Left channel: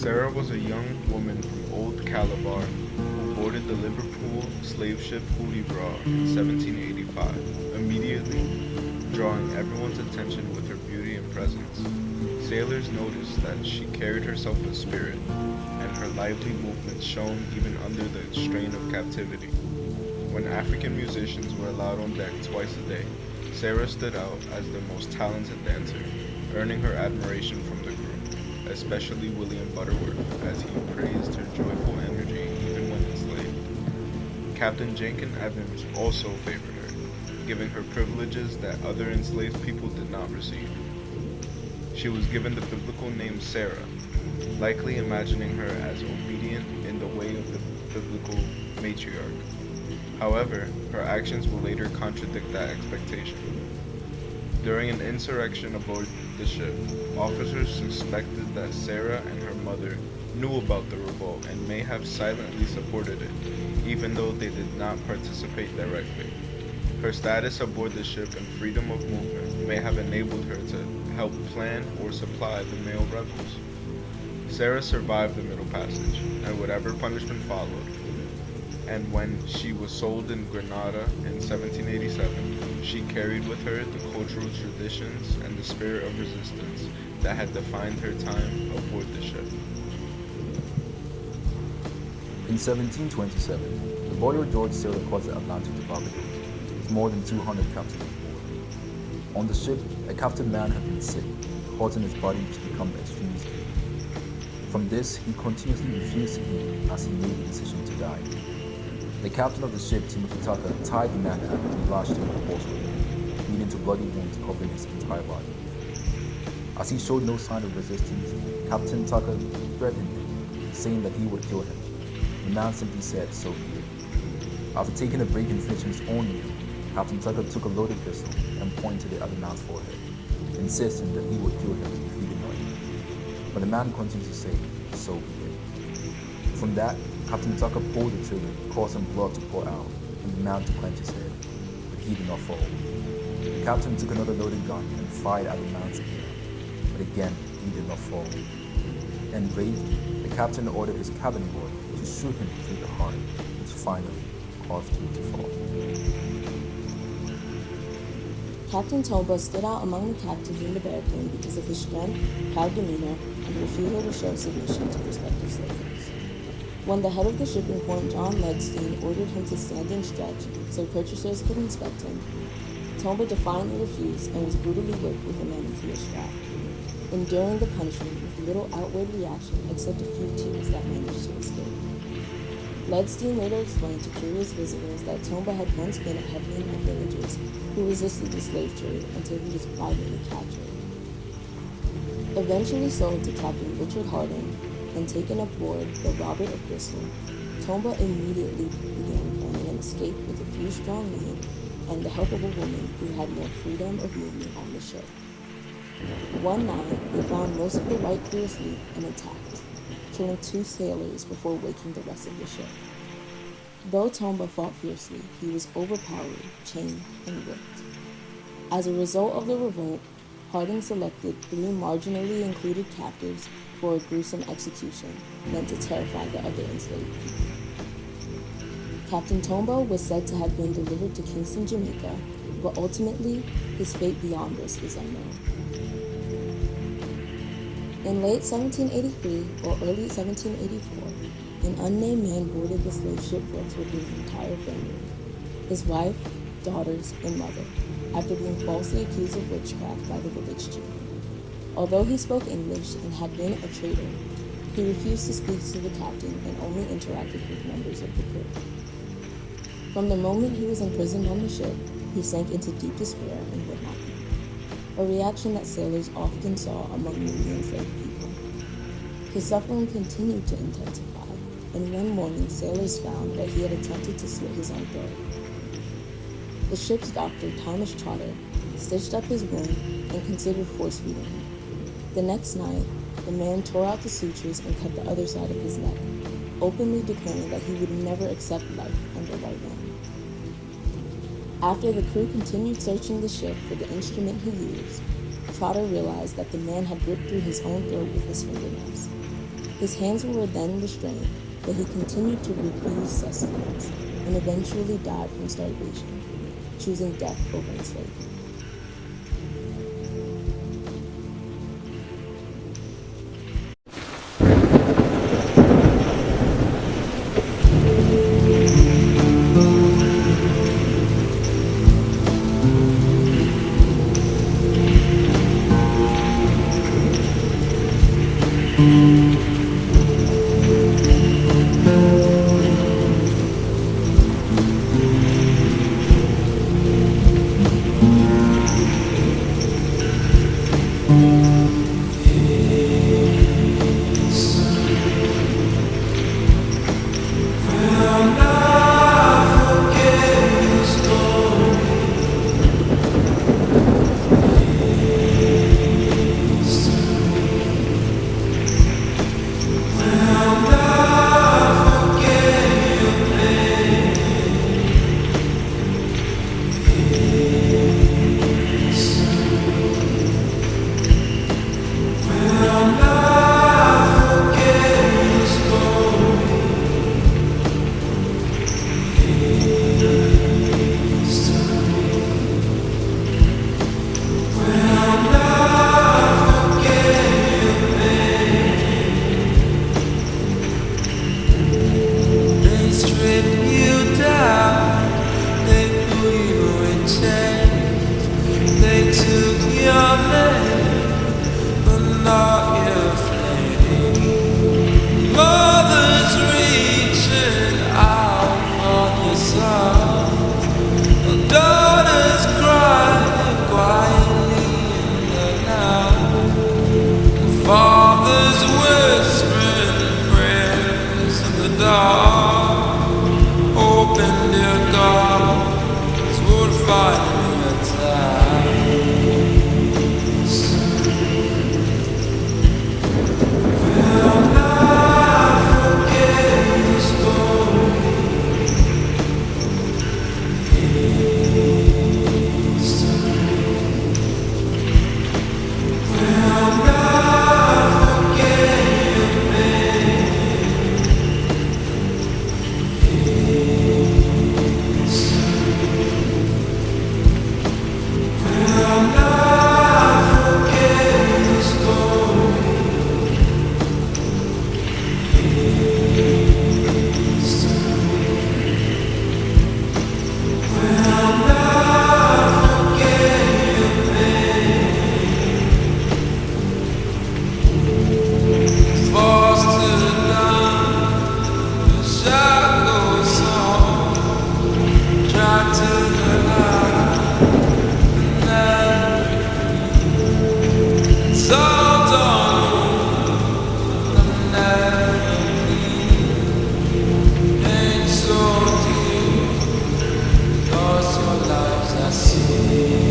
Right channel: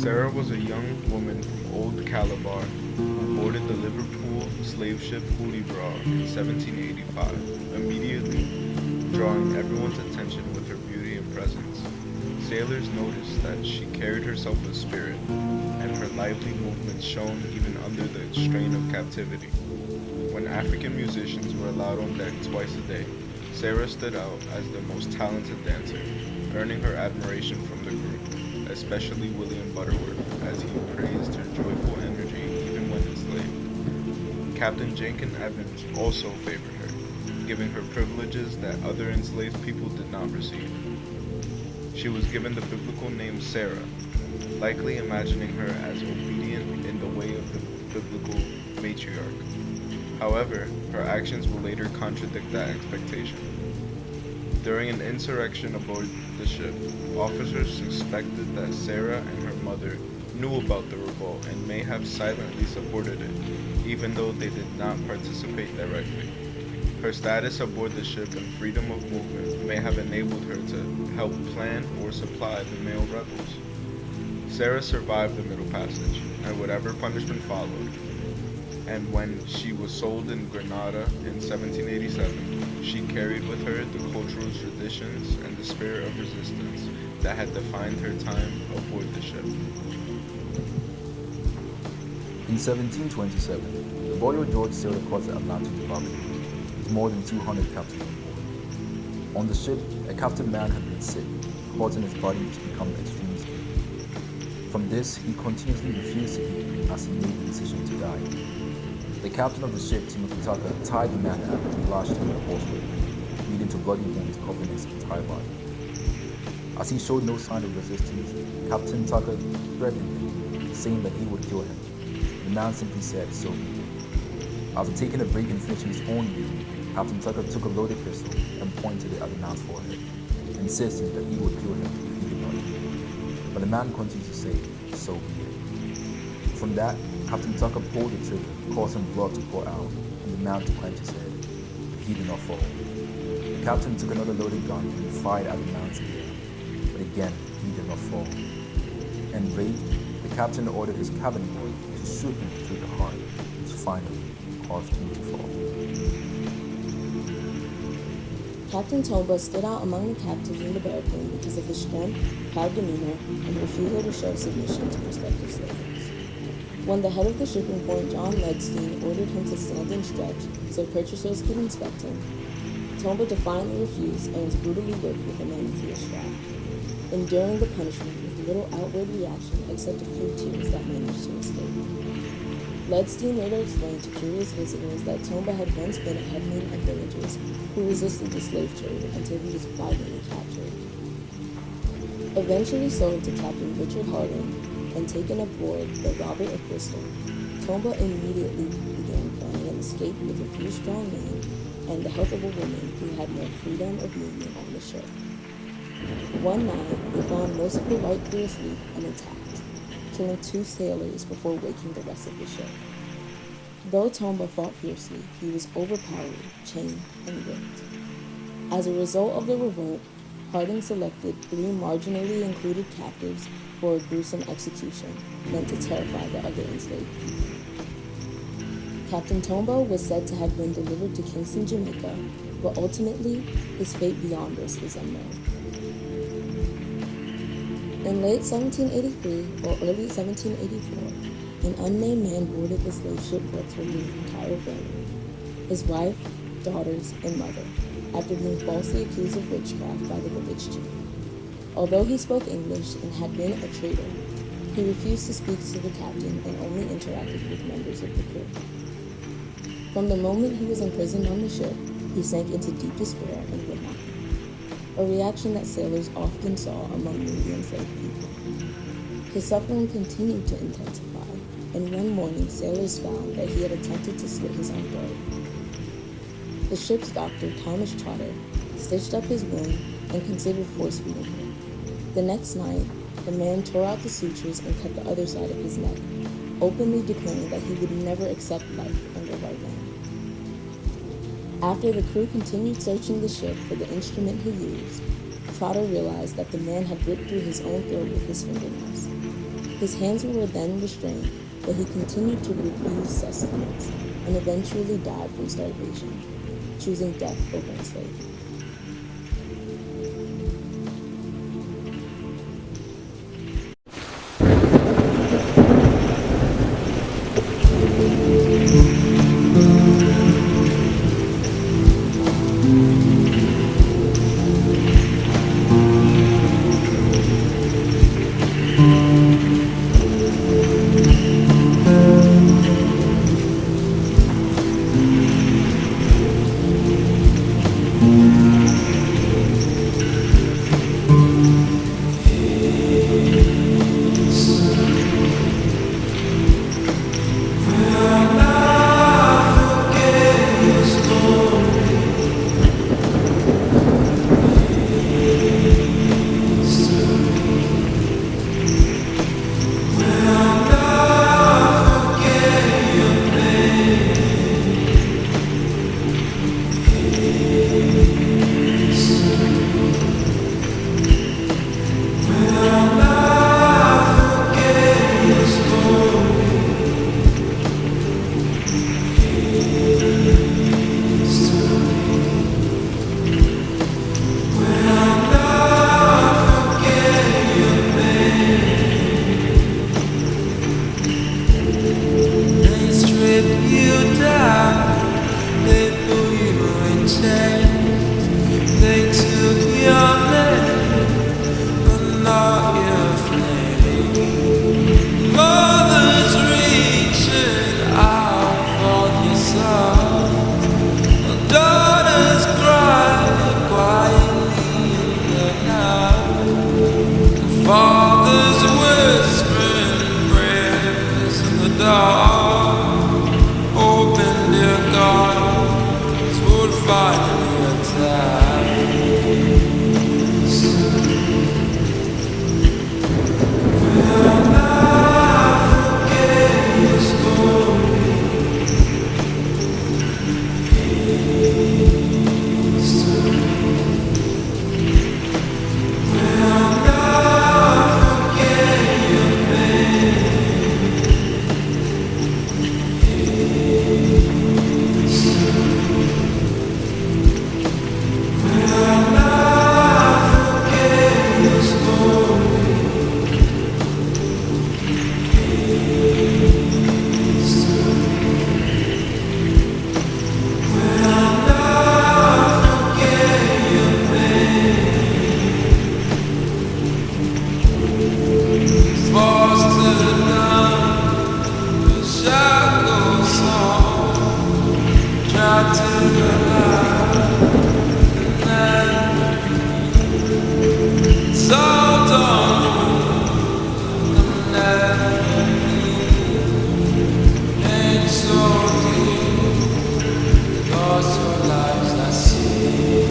Sarah was a young woman from Old Calabar who boarded the Liverpool slave ship Hudibras in 1785, immediately drawing everyone's attention with her beauty and presence. Sailors noticed that she carried herself with spirit, and her lively movements shone even under the strain of captivity. When African musicians were allowed on deck twice a day, Sarah stood out as the most talented dancer, earning her admiration from the crew, especially William Butterworth, as he praised her joyful energy even when enslaved. Captain Jenkins Evans also favored her, giving her privileges that other enslaved people did not receive. She was given the biblical name Sarah, likely imagining her as obedient in the way of the biblical matriarch. However, her actions will later contradict that expectation. During an insurrection aboard the ship, officers suspected that Sarah and her mother knew about the revolt and may have silently supported it, even though they did not participate directly. Her status aboard the ship and freedom of movement may have enabled her to help plan or supply the male rebels. Sarah survived the Middle Passage, and whatever punishment followed, and when she was sold in Granada in 1787, she carried with her the cultural traditions and the spirit of resistance that had defined her time aboard the ship. In 1727, the Royal George sailed across the Atlantic to Barbados with more than 200 captives on board. On the ship, a captive man had been sick, causing his body to become extremely ill. From this, he continuously refused to eat as he made the decision to die. The captain of the ship, Timothy Tucker, tied the man up and lashed him with a horse whip, leading to bloody wounds covering his entire body. As he showed no sign of resistance, Captain Tucker threatened him, saying that he would kill him. The man simply said, "So be it." After taking a break and finishing his own meal, Captain Tucker took a loaded pistol and pointed it at the man's forehead, insisting that he would kill him if he did not eat. But the man continued to say, "So be it." From that, Captain Tucker pulled the trigger, causing blood to pour out, and the man to clench his head, but he did not fall. The captain took another loaded gun and fired at the man's ear, but again he did not fall. Enraged, the captain ordered his cabin boy to shoot him through the heart, which finally caused him to fall. Captain Tomba stood out among the captives in the barricade because of his strength, proud demeanor, and refusal to show submission to prospective slavers. When the head of the shipping point, John Ledstein, ordered him to stand and stretch so purchasers could inspect him, Tomba defiantly refused and was brutally whipped with a manatee strap, enduring the punishment with little outward reaction except a few tears that managed to escape. Ledstein later explained to curious visitors that Tomba had once been a headman of villagers who resisted the slave trade until he was violently captured. Eventually sold to Captain Richard Harding and taken aboard the Robert of Bristol, Tomba immediately began planning an escape with a few strong men and the help of a woman who had more freedom of movement on the ship. One night, he found most of the white crew asleep and attacked, killing 2 sailors before waking the rest of the ship. Though Tomba fought fiercely, he was overpowered, chained, and whipped. As a result of the revolt, Harding selected 3 marginally included captives for a gruesome execution meant to terrify the other enslaved people. Captain Tomba was said to have been delivered to Kingston, Jamaica, but ultimately, his fate beyond this is unknown. In late 1783 or early 1784, an unnamed man boarded the slave ship Brooks with his entire family, his wife, daughters, and mother, after being falsely accused of witchcraft by the village chief. Although he spoke English and had been a trader, he refused to speak to the captain and only interacted with members of the crew. From the moment he was imprisoned on the ship, he sank into deep despair and would not eat, a reaction that sailors often saw among newly enslaved people. His suffering continued to intensify, and one morning sailors found that he had attempted to slit his own throat. The ship's doctor, Thomas Trotter, stitched up his wound and considered force-feeding him. The next night, the man tore out the sutures and cut the other side of his neck, openly declaring that he would never accept life under white man. After the crew continued searching the ship for the instrument he used, Trotter realized that the man had ripped through his own throat with his fingernails. His hands were then restrained, but he continued to refuse sustenance and eventually died from starvation, choosing death over enslavement. They took your name, but not your flame. Mothers reaching out for your sons, daughters cry quietly in the night. Fathers whispering prayers in the dark, hoping dear gods would finally attack. Will not forget your story. History will not forget your pain. History will not forget your story. Will not forget your pain. Forced to the ground, the shackles on, trapped to the light, and never free. Salt on and never leave. Ain't so deep. Lost your lives, I see.